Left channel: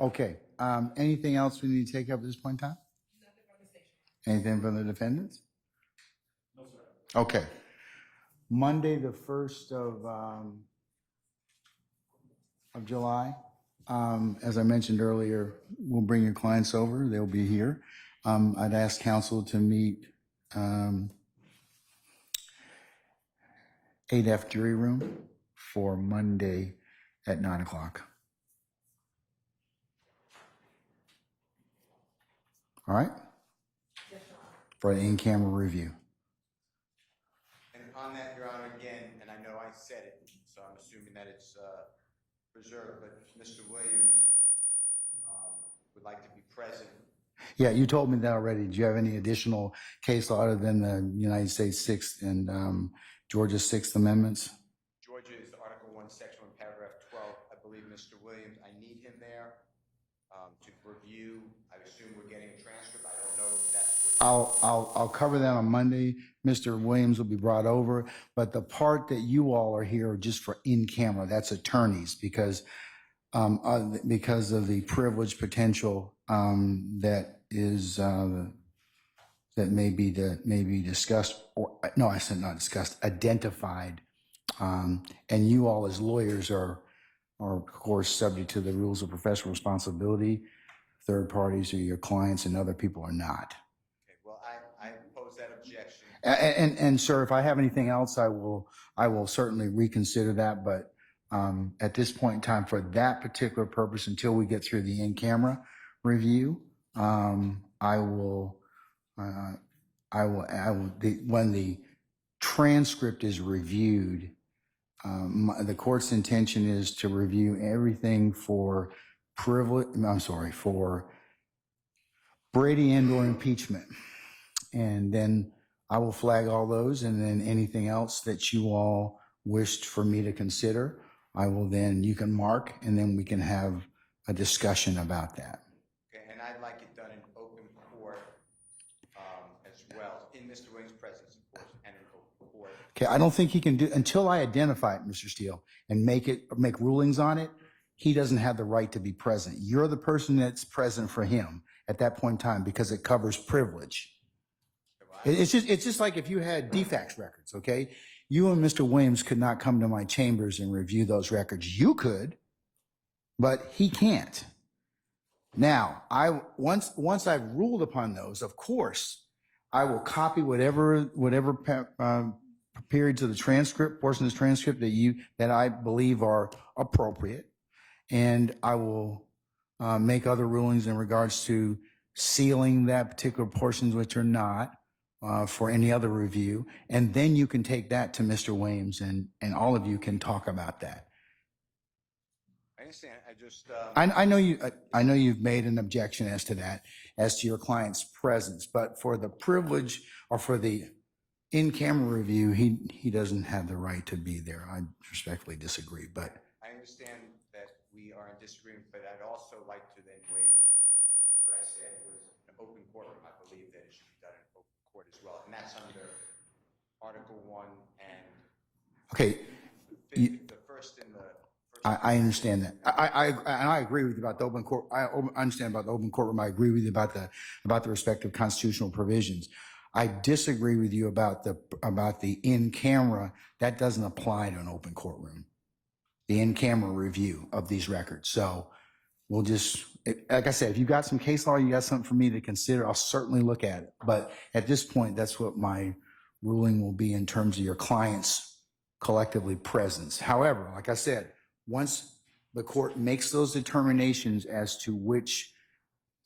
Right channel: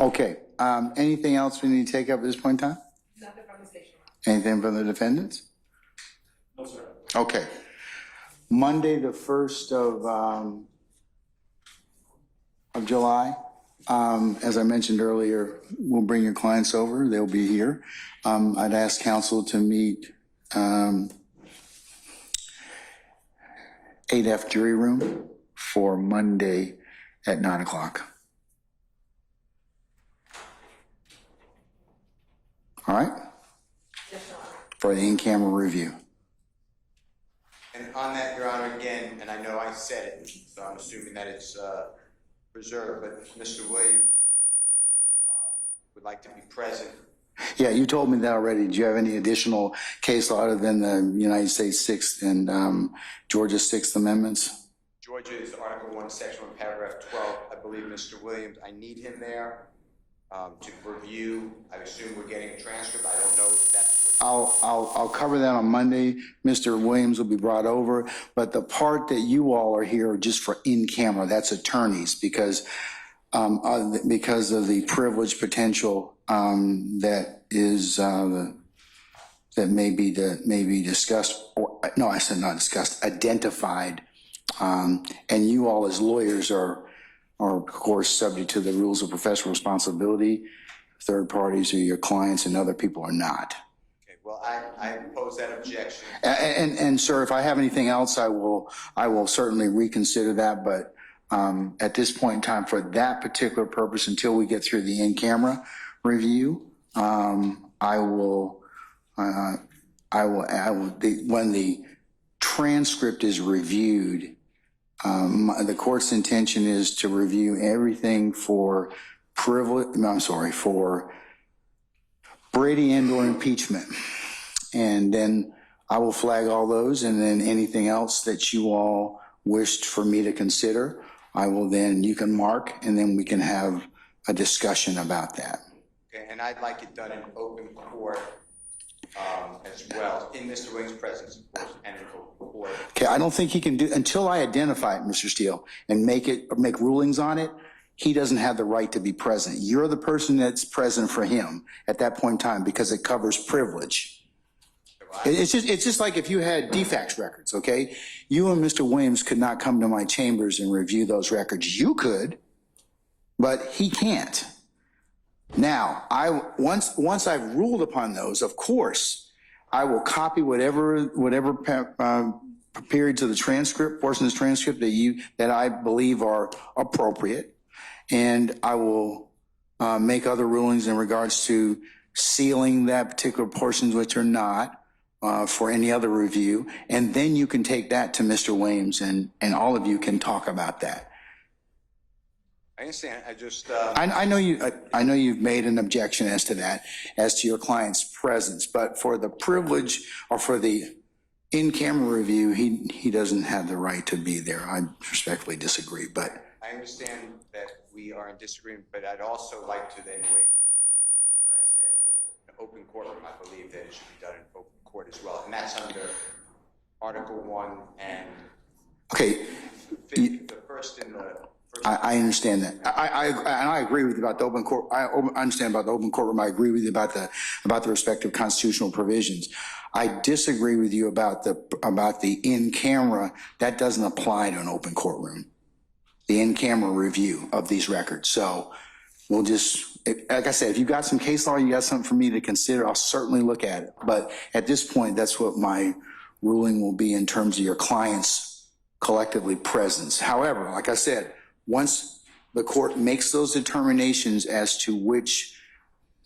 Okay. Anything else we need to take up at this point in time? Nothing from the station. Anything from the defendants? No, sir. Okay. Monday, the 1st of July. As I mentioned earlier, we'll bring your clients over. They'll be here. I'd ask counsel to meet 8F jury room for Monday at 9 o'clock. All right? Yes, Your Honor. For the in-camera review. And on that, Your Honor, again, and I know I said it, so I'm assuming that it's reserved, but Mr. Williams would like to be present. Yeah, you told me that already. Do you have any additional case law other than the United States 6th and Georgia 6th Amendments? Georgia's Article 1, Section 1, Paragraph 12. I believe Mr. Williams, I need him there to review. I assume we're getting a transcript. I don't know if that's what... I'll cover that on Monday. Mr. Williams will be brought over, but the part that you all are here just for in camera, that's attorneys, because of the privilege potential that is that may be discussed, or no, I said not discussed, identified, and you all as lawyers are of course subject to the rules of professional responsibility. Third parties or your clients and other people are not. Okay, well, I oppose that objection. And sir, if I have anything else, I will certainly reconsider that. But at this point in time, for that particular purpose, until we get through the in-camera review, when the transcript is reviewed, the court's intention is to review everything for for Brady and/or impeachment. And then I will flag all those, and then anything else that you all wished for me to consider, you can mark, and then we can have a discussion about that. Okay, and I'd like it done in open court as well, in Mr. Williams' presence, of course, and in open court. Okay, I don't think he can do, until I identify it, Mr. Steele, and make rulings on it, he doesn't have the right to be present. You're the person that's present for him at that point in time because it covers privilege. It's just like if you had defects records, okay? You and Mr. Williams could not come to my chambers and review those records. You could, but he can't. Now, once I've ruled upon those, of course, I will copy whatever periods of the transcript, portions of the transcript that I believe are appropriate, and I will make other rulings in regards to sealing that particular portions which are not for any other review, and then you can take that to Mr. Williams, and all of you can talk about that. I understand. I just... I know you've made an objection as to that, as to your client's presence, but for the privilege or for the in-camera review, he doesn't have the right to be there. I respectfully disagree, but... I understand that we are in disagreement, but I'd also like to then wage what I said was an open courtroom. I believe that it should be done in open court as well, and that's under Article 1 and... Okay. the first in the... I understand that. I agree with you about the open court. I understand about the open courtroom. I agree with you about the respective constitutional provisions. I disagree with you about the in-camera. That doesn't apply to an open courtroom. The in-camera review of these records. So we'll just, like I said, if you got some case law, you got something for me to consider, I'll certainly look at it. But at this point, that's what my ruling will be in terms of your client's collectively presence. However, like I said, once the court makes those determinations as to which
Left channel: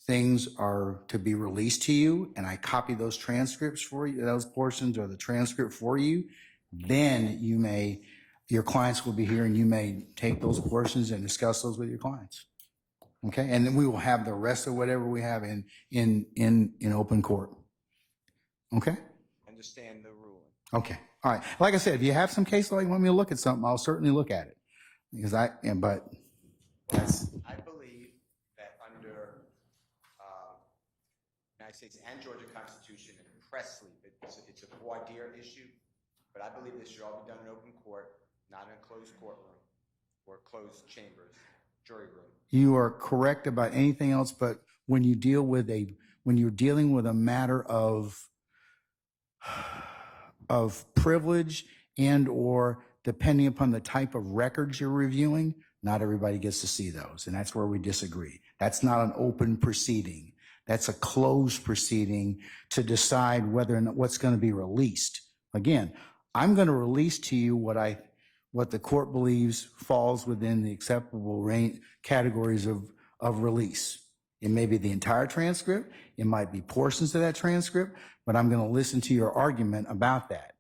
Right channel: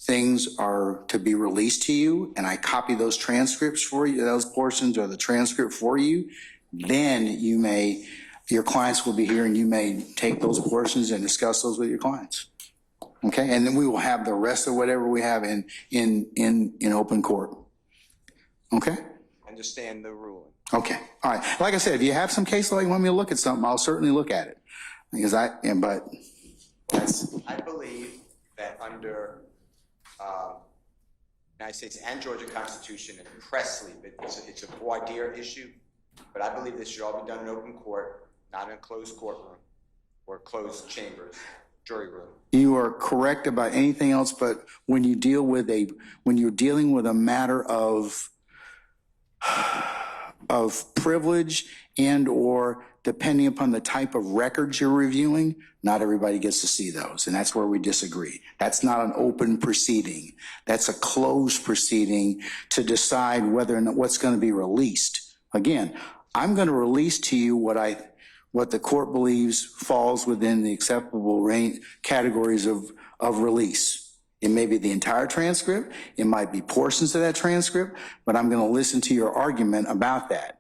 things are to be released to you, and I copy those transcripts for you, those portions or the transcript for you, then your clients will be here and you may take those portions and discuss those with your clients. Okay, and then we will have the rest of whatever we have in open court. Okay? Understand the ruling. Okay, all right. Like I said, if you have some case law, you want me to look at something, I'll certainly look at it. Because that's... I believe that under United States and Georgia Constitution and Presley, it's a voir dire issue, but I believe this should all be done in open court, not in a closed courtroom or closed chambers, jury room. You are correct about anything else, but when you deal with when you're dealing with a matter of privilege and or depending upon the type of records you're reviewing, not everybody gets to see those. And that's where we disagree. That's not an open proceeding. That's a closed proceeding to decide whether or not what's going to be released. Again, I'm going to release to you what the court believes falls within the acceptable range categories of release. It may be the entire transcript. It might be portions of that transcript, but I'm going to listen to your argument about that.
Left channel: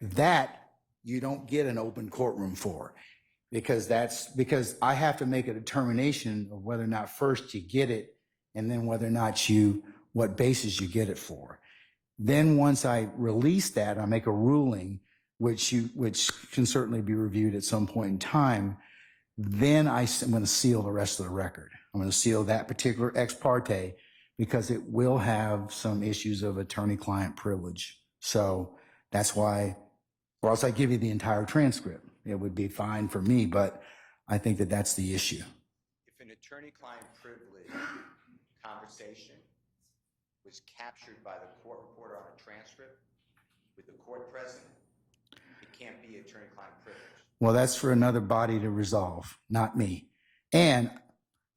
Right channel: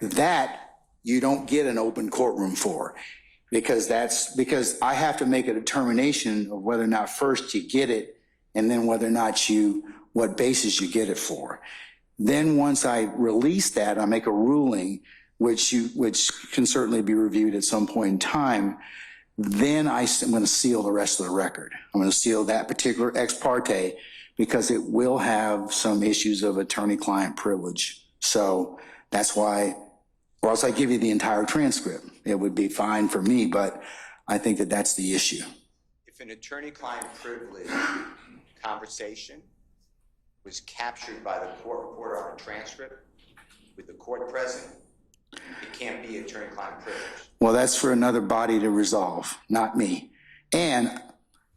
That you don't get an open courtroom for, because I have to make a determination of whether or not first you get it and then whether or not what basis you get it for. Then once I release that, I make a ruling, which can certainly be reviewed at some point in time. Then I'm going to seal the rest of the record. I'm going to seal that particular ex parte because it will have some issues of attorney-client privilege. So that's why, or else I give you the entire transcript. It would be fine for me, but I think that that's the issue. If an attorney-client privilege conversation was captured by the court reporter on a transcript with the court present, it can't be attorney-client privilege. Well, that's for another body to resolve, not me. And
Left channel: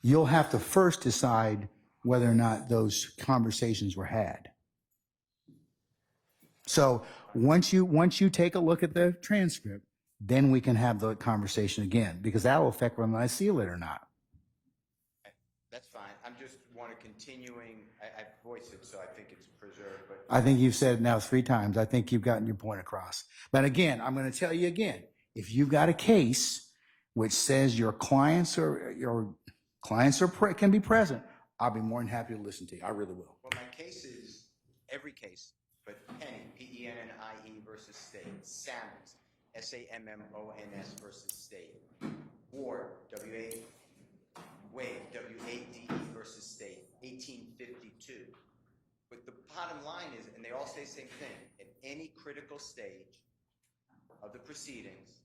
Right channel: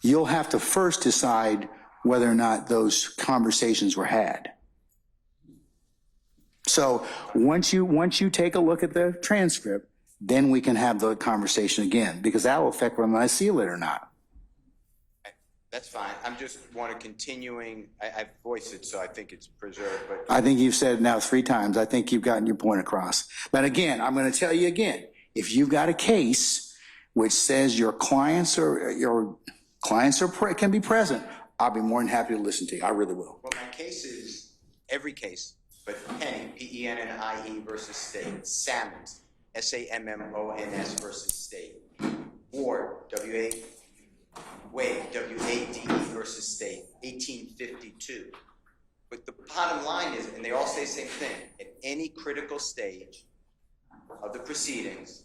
you'll have to first decide whether or not those conversations were had. So once you take a look at the transcript, then we can have the conversation again, because that will affect whether I seal it or not. That's fine. I'm just want to continuing. I've voiced it, so I think it's preserved. But I think you've said it now 3 times. I think you've gotten your point across. But again, I'm going to tell you again, if you've got a case which says your clients can be present, I'll be more than happy to listen to you. I really will. Well, my case is every case, but Penny, P-E-N-N-I-E versus State, Sammons, S-A-M-M-O-N-S versus State, Ward, Wade, W-A-D-E versus State, 1852. But the bottom line is, and they all say the same thing, at any critical stage of the proceedings,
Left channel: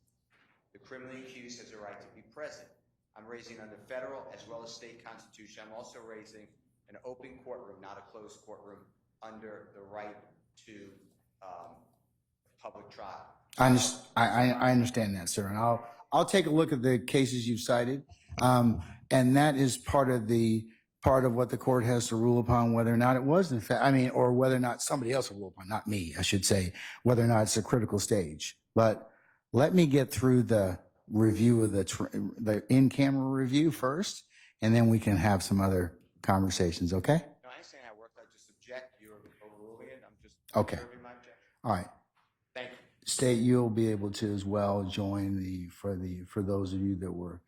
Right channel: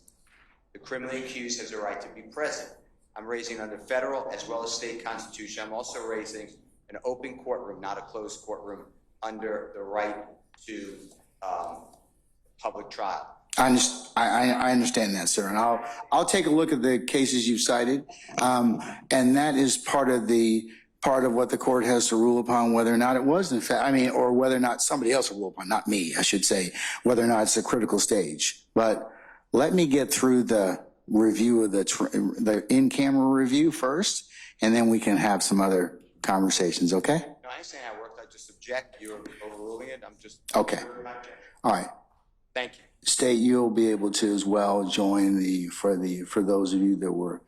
the criminally accused has a right to be present. I'm raising under federal as well as state constitution. I'm also raising an open courtroom, not a closed courtroom, under the right to public trial. I understand that, sir, and I'll take a look at the cases you've cited, and that is part of what the court has to rule upon, whether or not it was in fact, or whether or not somebody else will rule upon, not me, I should say, whether or not it's a critical stage. But let me get through the review of the in-camera review first, and then we can have some other conversations. Okay? No, I ain't saying I worked. I just object. You're overruling it. I'm just okay. All right. Thank you. State, you'll be able to as well join for those of you that were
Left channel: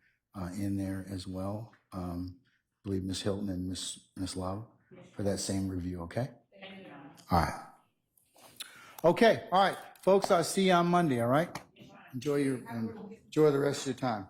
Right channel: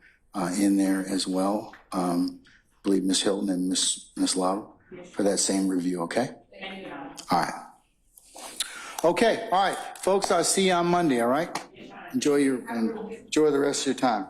in there as well. I believe Ms. Hilton and Ms. Love for that same review. Okay. Thank you. All right. Okay. All right, folks. I'll see you on Monday. All right. Enjoy the rest of your time.